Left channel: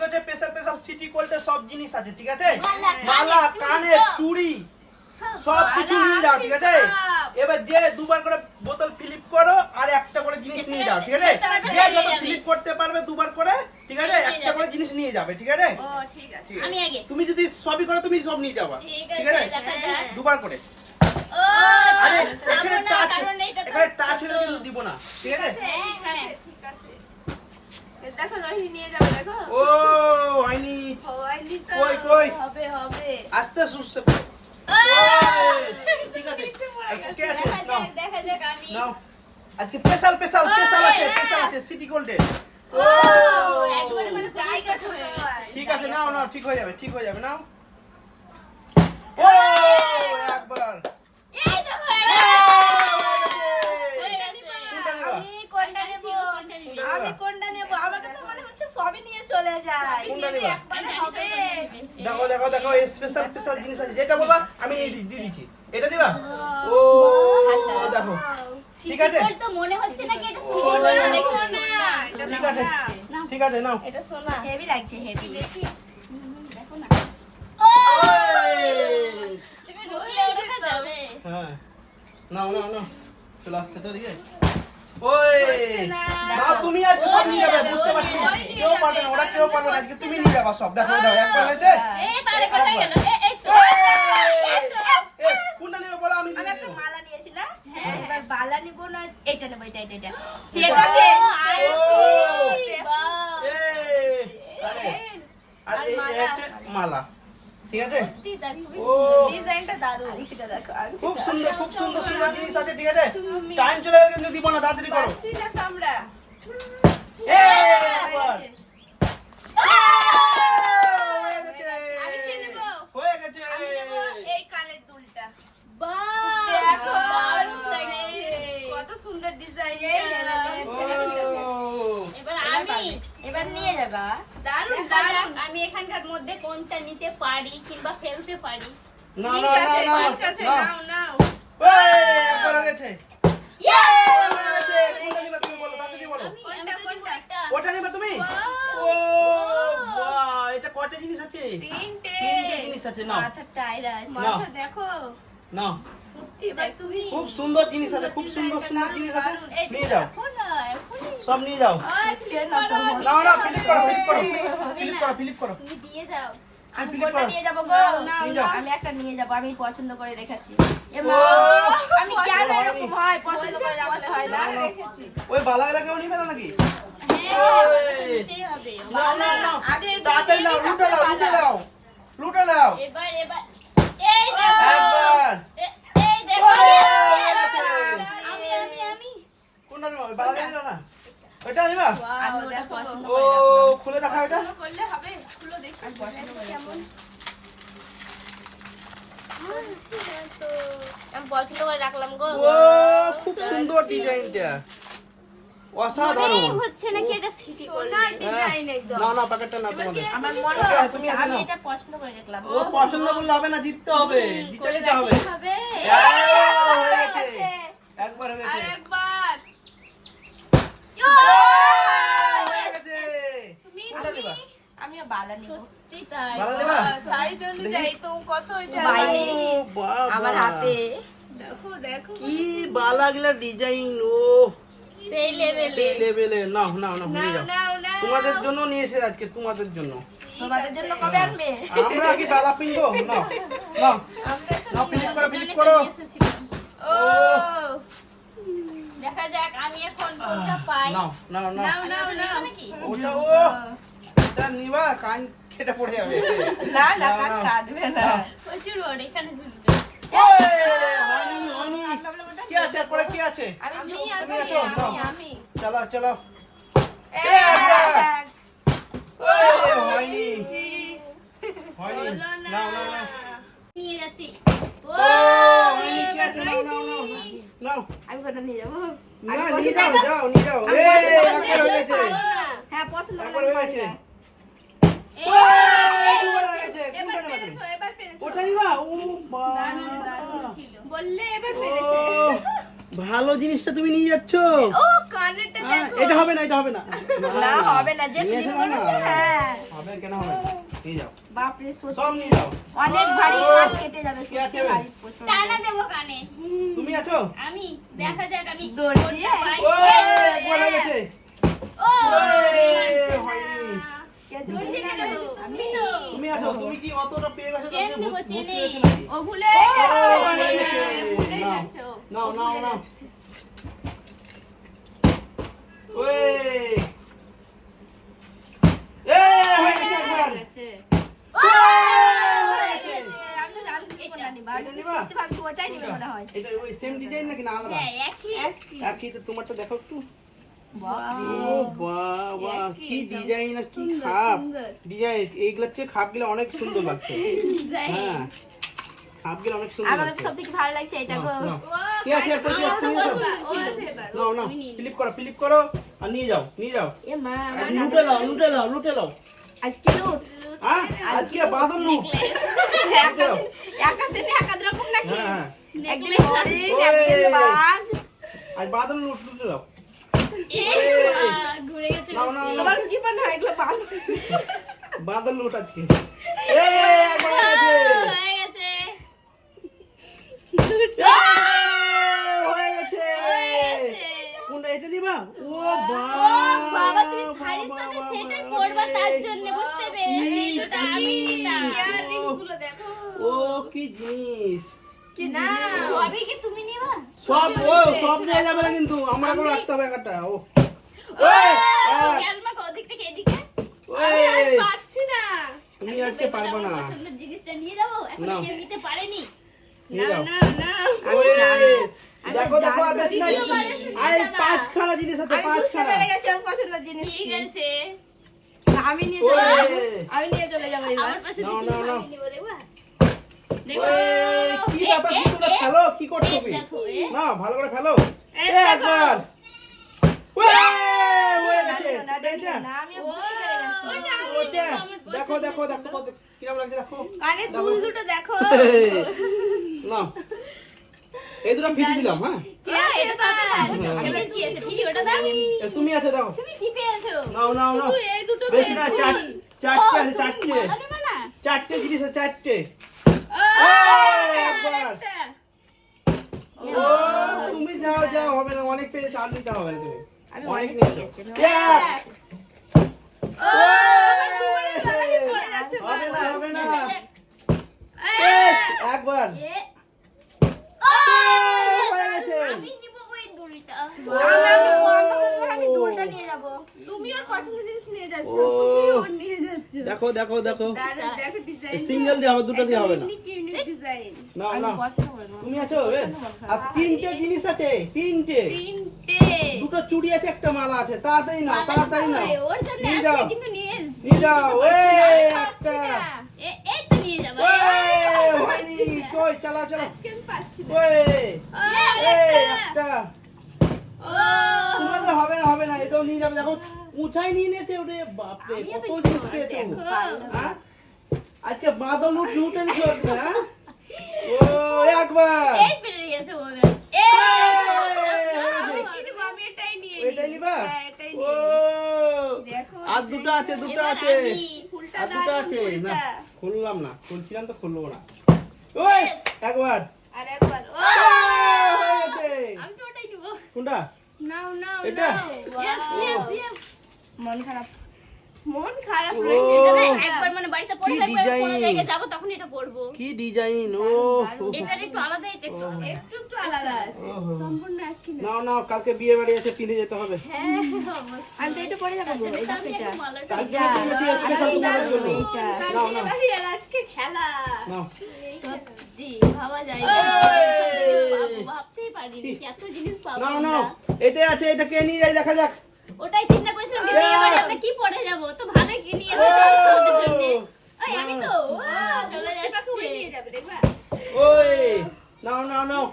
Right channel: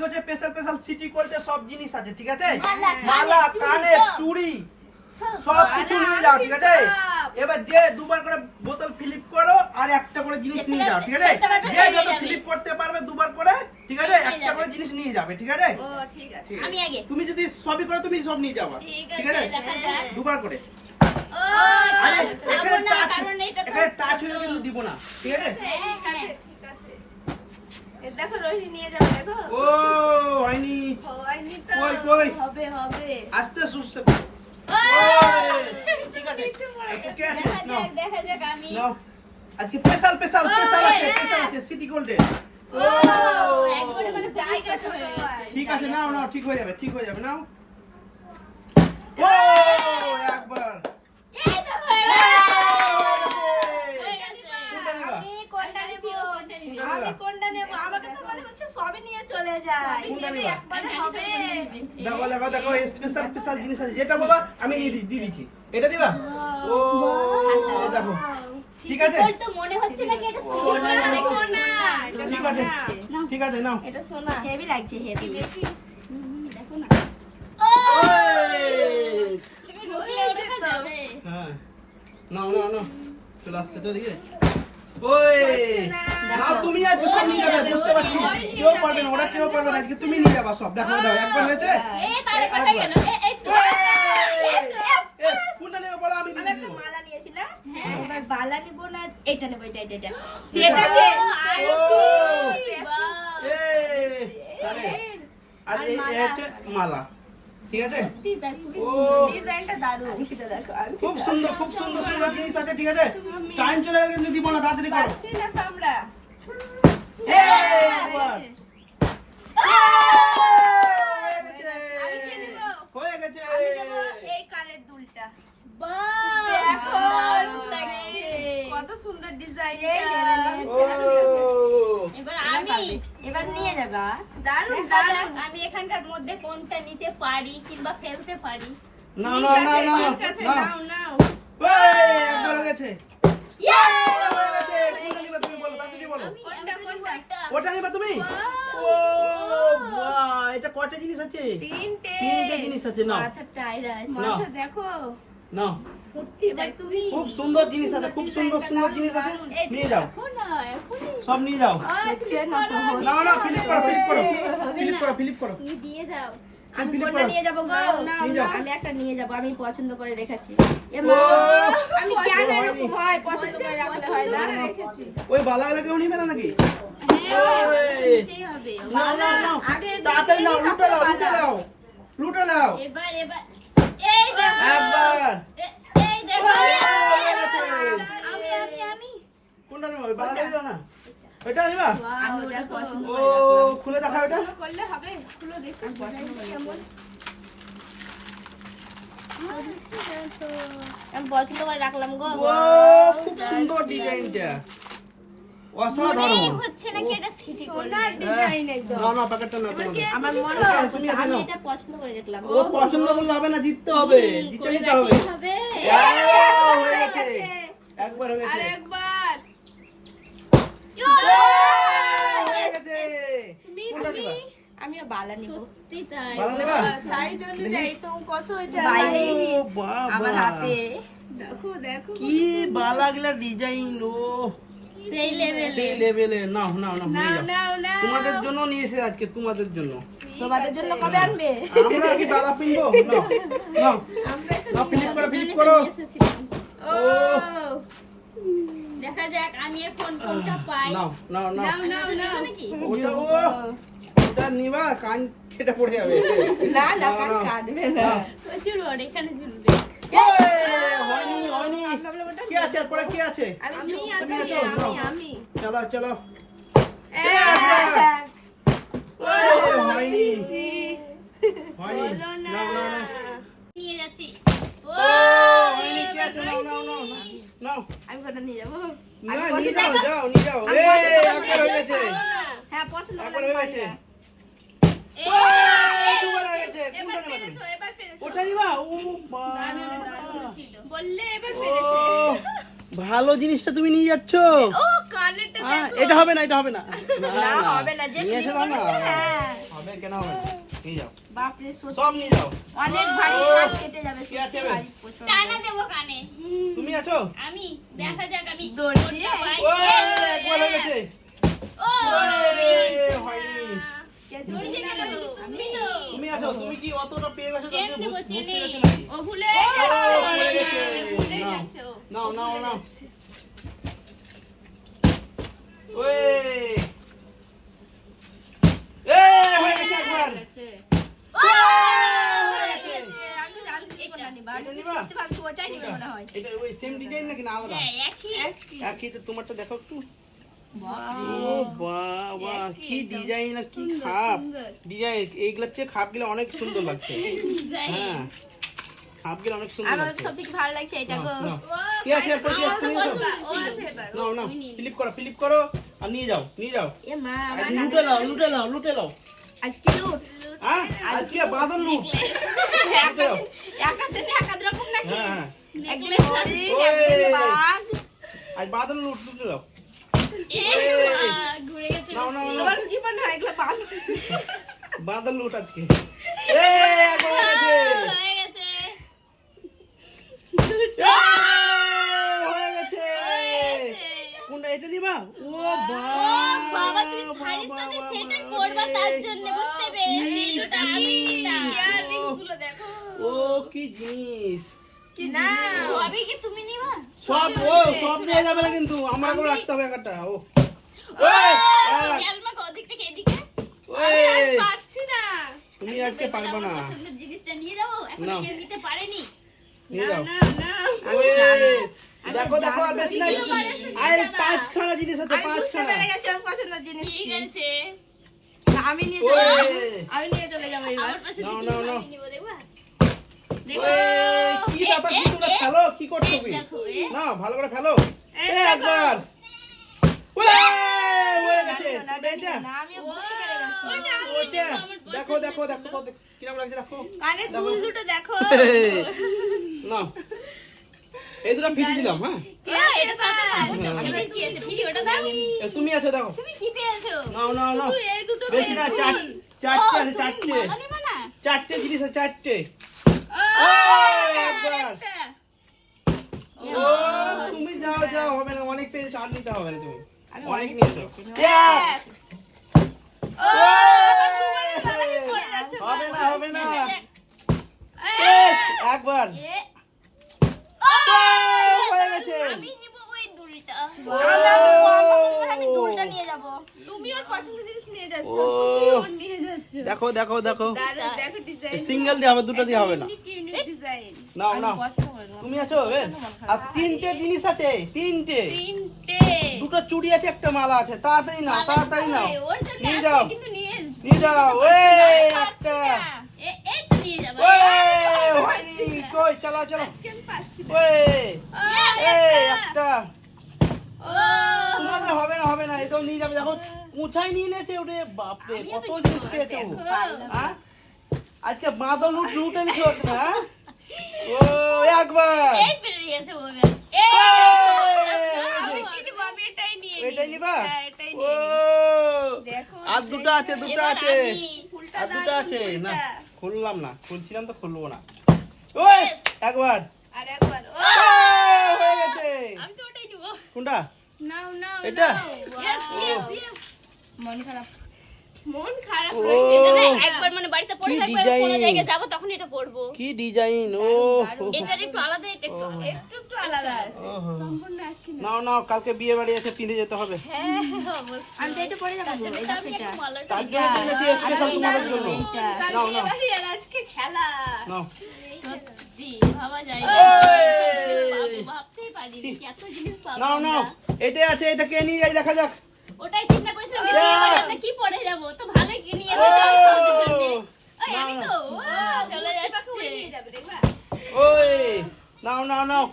আজকে হচ্ছে special special city গোল্ডের সব জিনিস আছে, ঠিক আছে? মালা, কানের, চুড়ি সব কিছু নিয়ে যাও, ঠিক আছে? এবার যে দুবার করে বোতল ফিলিপ করো আর একটা করে জিনিস নিয়ে যাও, ঠিক আছে? যে যত ফিলিপ করতে পারবে দুবার করে, ঠিক আছে? একটা করে জিনিস নিয়ে যাবে, ঠিক আছে? ও ঠিক আছে। আমি আগে। তুমি যদি সবই করো তুমি সব নিয়ে যাবা, ঠিক আছে? দেখা যাক। দুবার করে। ও আরে এখানে টাচ, কারণ এটা তো এখানে টাচ হলে কিন্তু দিব না, ঠিক আছে? ঠিক আছে ঠিক আছে। এ দেখো রোহিণী নিয়ে যাবে দেখো। ও হয়নি, হয়নি তো। কই, কই? হবে হবে। আস্তে সুস্তে করে। ঠিক আছে, ঠিক আছে, নাও, দেখা যাক আমি। নাও। আজকে স্পেশাল স্পেশাল স্পেশাল আছে, স্পেশাল আছে সিটি গোল্ডে। ও একবারে মানে জায়গা ছোট হয়। ঠিক আছে, নাও নাও, ঠিক হয়ে যাবে, ঠিক হয়ে যাবে, নাও। ও একবার এই তো হয়ে গেছে। কোনটা নিবা? আমি কোনটা নেব? কোনটা নিবি? আমি কোনটা নেব? আমাকে তো মনে হচ্ছে সবই নিয়ে চলে যায়। কোনটা নিবা? একবারে হবে। দেখো দেখো দেখো, এই স্পেশাল স্পেশাল জিনিস আছে, যেটা বলবা আমি নিয়ে দিয়ে দিচ্ছি। এটা নিবা? ও দেখো, ঠিক আছে, সিটি গোল্ড তো মনে হচ্ছে না কি এটা সিটি গোল্ড সোনা, মনে সোনা, এটা ঠিক আছে, সোনা। ঠিক আছে, নাও। এটা সোনা। হেভি লাগছে হেভি। দেখি। দেখো না। ও ওই! তুমি ঢুকলে ওটা যাবে। হ্যাঁ, নাও নাও নাও, চলে আসছে তো দিকে। ওই না, তুমি আজকে সব নিয়ে যাবে, বুঝতে পারছি। কেউ পারবে না, ওরা কেউ পারবে না, আজকে তুমি নিয়ে যাবা সব। দেখো দাও, একবার হয়েছে। এই তারে কোথায় গেল? এই তো। এ, কোনটা নেবে বলো, আমি দিয়ে আমি একটা দিচ্ছি। মালা নিয়েছিলাম। হ্যাঁ। এবার বালা নিব না, এটা নেব, এটা। সেট আছে। বাহ। এ, আরে, আর আর এই মালা। হচ্ছে মালা, ঠিক আছে? সত্যি দেখো। ও ডিজাইনটা দারুণ। আংটিটা দেখো, খুব আংটিটা। সুন্দর, খুব সুন্দর সুন্দর জিনিস আছে, ঠিক আছে? টাইম চলে গেলে কিন্তু দিব না, তাড়াতাড়ি করো। পাচ্ছি না তো আমরা। এ, একবার। হয়ে গেছে। আমি কি নেব? হয়ে গেছে। আমি নেব এই কানের দুলটা। বাহ। দেখো, দারুণ লাগছে। কত সুন্দর ডিজাইন। ও, এবার আমি এবার নিয়ে যাবা। দারুণ দেখা যাক দারুণ। আমি এখানকার মধ্যে কোনটা নিতে পারি কিংবা ফেলতে পারি। না ঠিক না না আছে, না ঠিক আছে, না। নাও নাও। এই, একবার হয়ে গেছে। ইয়ে! হয়ে গেছে। কোনটা নিবে তুমি বলো, তাড়াতাড়ি বলো। কোনটা কোনটা? ওটা নিবে তুমি? ও বাহ, এটা কয়টা জিনিস আছে? তিনটে। তিনটে জিনিস আছে, নাও মাথাটা আইরা আছে। নাও। মাথা দেখো। নাও। এবার তুমি খুব সুন্দর জিনিস আছে, খুব সুন্দর সুন্দর জিনিস আছে, নিয়ে যাও, এখন না এখন সব নিয়ে যাও। দেখছে না তো। নাও নাও, ফিলিপ করো, ফিলিপ করো, ফিলিপ করো, ফিলিপ করো। তুমি দিয়ে দাও। আমি ফিলিপ কোনটা করো। নিয়ে যাবো গো? নাও, নাও। আমি একটা নিয়ে যাবো, আমি পছন্দ করে রেখেছি। এ ও, মা, আমি কেন এরকম হয়? পছন্দ করে রাখলে হয় না? রেখেছি। ওই বালাওয়ালা কেউ নিবে না নাকি? হ্যাঁ ওই। নিতেই হবে। নাও নাও নাও, আগে তাড়াতাড়ি নাও, লুটে নাও, লুটে নাও, লুটে নাও। এবার এই দেখো। একবার। এই দেখো। হয়ে গেছে। আমি। কোনটা নিবা? ওই বালাওয়ালা না? ওইটা নিবা? আমি ওটা পছন্দ ও, খুলে দেখা ওটা। পছন্দ করলে হবে। খুলো দেখি। কেমন? আমি পছন্দ করে রাখলাম গো। ও, খুব সুন্দর ডিজাইনটা, অসাধারণ। মনে হচ্ছে নাকি এটা সিটি গোল্ড। সোনার ডিজাইন একদম। না না, প্যাকেটটা না তোমাদের। আমার মনে তুমি হয় তুমি আমি নাও। এটা পছন্দ করে রাখলাম। ও পছন্দ করলে হবে না, জিততে হবে, জিতে নিতে হবে। কি হবে? হয়ে গেছে, একবার হয়ে গেছে। আরেকবার। হয়ে গেছে। কোনটা নিবা? আমিও বালা নিব। সত্যি তাই। ভালো নেবা? সাইজ অনুযায়ী তো কত এটা? ও বাবা, আমার হাতে। দেখো দেখো। কি বালাগুলা ডিজাইন, ও সেই লেভেলে। সেই লেভেলে। নাও নাও নাও, নিয়ে যাও। নাও নাও। তোমাদের জন্য নিয়ে এসে আজকে, তোমাদের জন্য। তোমাদের জন্য কবে আনবে? আমরা কি বালা পিনবো? নাও নাও নাও, ফিলিপ করো, ফিলিপ করো। নিয়ে এসেছিলাম। ও দেখা যাক আমি এখন কোনটা পাই। নাও নাও নাও, নাও নাও নাও। নাকি? ওটা ও, ওটা নিবা, কান কেটে পড়ে যাবে। না না নাও, কান নাও। কাটবে না। প্রচুর বড়, এখানে ঝুলবে। এই, হয়নি, হয়নি। কি আছে এরপরে, কি আছে? আমি তুমি আছি আছো? নাও। আমি। চলো চলো। এক। ওই, হয়নি, জি। হয়নি। হলো না। নাও নাও নাও। নিয়ে যাচ্ছি। ও হয়নি, কি আছে? নাও নাও নাও নাও। আমি কোনটা নিয়ে যাবো? না, নিয়ে যাও, যাও, নিয়ে যাও। এই, একবার হয়ে গেছে। হ্যাঁ পছন্দ একবার করলাম। হয়ে গেছে। এই, ওই, দুবার হয়ে গেছে। কোনটা এবার নিবা তুমি? ফেলেছো, এবার ফেলেছো। ওটা নিবা? ও বাবা। ছিল। বললে এবার ও, ফেলেছে। ভালো জিনিসটা তুমি নিয়ে যাচ্ছ। ও কানেরটা দেখো। এটা হবে না, এটা হবে না। না হবে না, যে নিয়ে ফিলিপ এসো না। করেছে হ্যাঁ। হবে কেন হবে না? নিয়ে যাও। বাপ রে সব সত্যি নিয়ে যাও। অনেক ভারী কান কেটে যাবে কি আছে সত্যি এবার? ভারী প্রচন্ড। টানা দেবো কানে। তুমি আছো? আমি দেখা যাক আমি দৌড় করতে দিয়ে? পারি। ও একবার হয়ে গেছে। ও হয়নি। কে আছে? দড়ি দিয়ে গেল। আমি তো তুমি আছো, তুমি কি অতটা পেয়ে গেছো? চেন তুমি দেবো, ভর্তি চেনে। হয়েছে নাকি? ও ভুলে ও, যাচ্ছে হয়ে গেছে। ভুলে নাও, যাচ্ছে ও। নাও, নাও, নাও। ওই। হয়ে গেছে একবার। গেছে। ও হয়ে গেছে। আমি তো লাল কিছু এটা। বলিনি, ভাবছি এটা নিবা? সত্যি ভাবছি ওটাই নিবে মনে হয়। এটা ওই সেম ডিজাইন নাকি না আলাদা? হ্যাঁ, একই। একই তো, তোমারটা দেখো একটু। বাহ। ও বাবা, একই কি একদম। ডিজাইন আর কি সুন্দর, খাপ। সুন্দর। ডিজাইন এইগুলোর চেয়ে খাপগুলো অনেক সুন্দর লাগছে। যাই। হ্যাঁ, খাপগুলো অনেক সুন্দর আমার লাগছে। সব থেকে ভালো লাগছে এটা গো। নাও, নাও। ও, কি আছে এরপর কি আছে? তুমি ও নাও। আছে এবার। নাও, নাও। ফিলিপ করো আর নিয়ে যাও, নিয়ে যাও। এ মা আমার আর লুটে নাও, লুটে নাও, লুটে নাও। আজকে লুট। হ্যাঁ, আজকে বাদল লুট। লুটে নাও। একাতে রকম নাকি? হ্যাঁ, হ্যাঁ। একদিন হরিণ, ওই। একদিন বাঘ। আজ বাদল লুট, লুটে নাও। এ মা, ঘুরে গেছে নাও, নাও, বেশি। নাও। তোমার জীবন হয় এগুলো বাঘ। বাদল লুট আজকে। একবার হয়ে গেছে। হয়ে গেছে। হয়ে গেছে। কোনটা এটা নিবা? ও ও বাবা, তুমি বাবা, শাড়ির সাথে বাবা, সেটা বাবা করবা রে। তার জন্য, বুঝতে পেরেছি। কি দুটো আমি নিতাম। ইয়াররিংসগুলো দেখো। ও কি জিনিস। না। সবই কি তুমি নিবা? সব সব নিয়ে যাবে না কিন্তু, আমরা করে রাখতে হবে একটা। ও খেয়াল মাখো ওদিক থেকে এদিকে। পাচ্ছি না। তুমি আজকে পারবে না। আমার পছন্দের জিনিসটা নিয়ে যাবো, এখন নাও। কেউ নিতে পারেনি। নিয়ে যাও। না। ওই, দেখো দেখো আর বেশি নাই। আরে পাঁচখানা জিনিস আছে, আমি বুঝতে পাঁচখানা। পেরে গেছি আমার পছন্দের জিনিস ঠিক কি। আছে। আমি নিয়ে ওই, চলে যাবো। আমি নিয়ে চলে যাবো এবার। আমার পাশে নাও, দেখি নাও, নাও। শাড়ি নিবো, দেখবা? ওই, কি ব্যাপার, কি তোমরা ফেলো? কি করছো তুমি? দেখো, না, ভালো করে ফেলো। এই এ, দেখো। একবার। ওই, হয়ে গেছে। না, এটা? না, আমি বুঝতে পেরে গেছি। ওইটা? দেখো দেখো দেখো কিরকম লাগছে দেখো। কানে দুল দুটো দেখো। না, এই দুটো ফিট দিলাম। হ্যাঁ, এটা সাথে পাবো তো। এবার কি আছে? তুমি ওটা দাও। এ, তুমি আছো দেখো। তুমি কি পেয়েছো? নাও নাও নাও। তুই এই দুটো বেশি না, পেয়েছিস। চারটে আছে, তুমি চারটে। মালা নেবে না? চারটে জিনিস আছে, চারটে। ও, একবার। একটা। ও, তুমি যাও যাও, হবে না, অনেক পেয়েছো, আর নিতে হবে না তুমি। আমি অনেক অনেক নিয়েছো। পেয়েছি। এক। ও, আমার দুবারে লালাকি পড়ে যাচ্ছে হবে না, বারবার। হবে না। এই, একবার। এ, হয়ে গেছে। আমি নিব ওই দুলটা। আমি দুলটা নিয়ে যাবো। তুমি ওর পছন্দের জিনিস নিয়ে যাচ্ছ ও। তুমি ওর নিয়ে যাচ্ছ দেখো দেখো দেখো, দাঁড়া দেখো ডিজাইন সিঙ্গেল দিয়ে হবে, দুটো দিয়ে হবে না। ইউনিক ডিজাইন নাও নাও, পছন্দ করি না। তুমি আছো এ? আর তিনটে জিনিস আছে, তিনটে। তিনটে দুটো চুড়ি আছে, একটা মালা আছে। তাড়াতাড়ি নাও, তাড়াতাড়ি নাও। ওর জন্য নিয়ে আছে, যাও, কিন্তু নিয়ে নিয়ে যাও। পাচ্ছি একটা। না এই তো নিয়ে যাবো। হয়নি, কই, চালা চালা। আজকে আমি পাচ্ছি না একটা। ও তোমাদের হবে না, হবে না, এটাও নিয়ে যাবে। দেখো উঁচাই নিয়ে নিয়েছে, ওরে বাপরে, কত জিনিস পেয়েছে ও। হ্যাঁ? আজকে বাঁধন লুটে নিচ্ছ, হ্যাঁ? ও, একবার। এই পেরে গেছে ও এবার। এই কিন্তু আমি এটাই নিয়ে এটাই নিবা? হ্যাঁ এটাই ও, নিয়ে দেখো আর দুটো আছে, দুটো এবার আছে। আমি। ফুলটা আর দুটো দারুণ আছে। না, ফুলটা খুললাম না, খুলছিলাম তো খুলবো না। ওই, একবার। আর একবার ও হয়ে গেছে। আমি তো ওটাই নিব। কোনটা? নাও নাও এটা? নাও ইয়েস ইয়েস ইয়েস। মন খারাপ। মন খারাপ ও। রয়েছে এটা না একবার মানে বাড়িতে পড়ে কি থাকবে, কোনো design। জায়গায় যাবো তখন এটা পরবো। কি ডিজাইন! ও এটার একটু আলাদা, এটা একটু আলাদা। একটু একটু আলাদা আছে ওহো। সম্পূর্ণ এক কি না নাও নাও, কালকে বিয়ে বাড়ি আছে, পিঁধে যেতে হবে। হ্যাঁ, অবশ্যই। আমি তো এটা পরে যাবো গো, এই দেখো আমি এটা। একটু মালাটা কালকে এটা। কিনেছি স্পেশাল তোমাদের জন্য। এইটা। কাল নাও, বিয়ে নাও। বাড়ি আর আজকে খেলা নাও। সত্যি ভাবা যায় না। এইসব জিনিস পাবো, ভাবতেই পারিনি কি এত জিনিস পাবো নাও নাও, আমরা। এটাই আছে, এটা কে নিয়ে যাই দেখা যাক। ওটাই চিন্তা করছিলাম যে বিয়ে বাড়ি আমরা কি পরে যাব, তো ভালোই কি নিয়ে এসেছো আমাদের জন্য। ওই আমি তো চলে বাকি ওই যাচ্ছে। নিয়ে যাবে দেখবা ওই, নাও নাও নাও,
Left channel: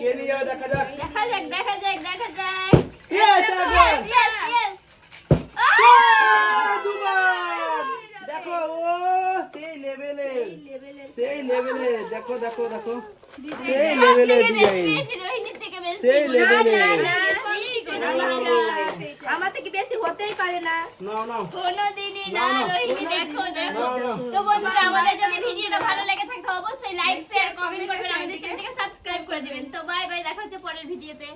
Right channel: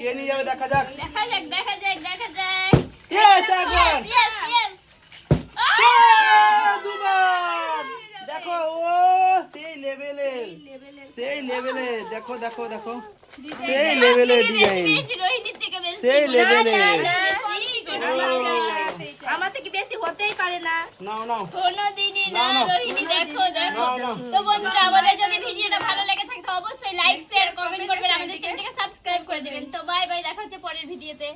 কে নিয়ে যাবে দেখা যাক। দেখা যাক দেখা যাক দেখা যাক। Yes, একবার। Yes yes yes. দুবার। দেখো, ও সেই লেভেলের, সেই লেভেলের। দেখো দেখো দেখো, সেই লেভেলের ডিজাইন। রোহিণীর থেকে বেশি সেই লেভেলে আমার থেকে বেশি হতেই পারে না। নাও কোনোদিনই না না। রোহিণী, দেখো দেখো। না। তো বন্ধুরা, আমাদের যদি ভিডিওটা ভালো লেগে থাকে অবশ্যই লাইক শেয়ার কমেন্ট করবেন, আমাদের চ্যানেলটাকে সাবস্ক্রাইব করে দিবেন। তো বাই বাই, দেখা হচ্ছে পরের ভিডিওতে।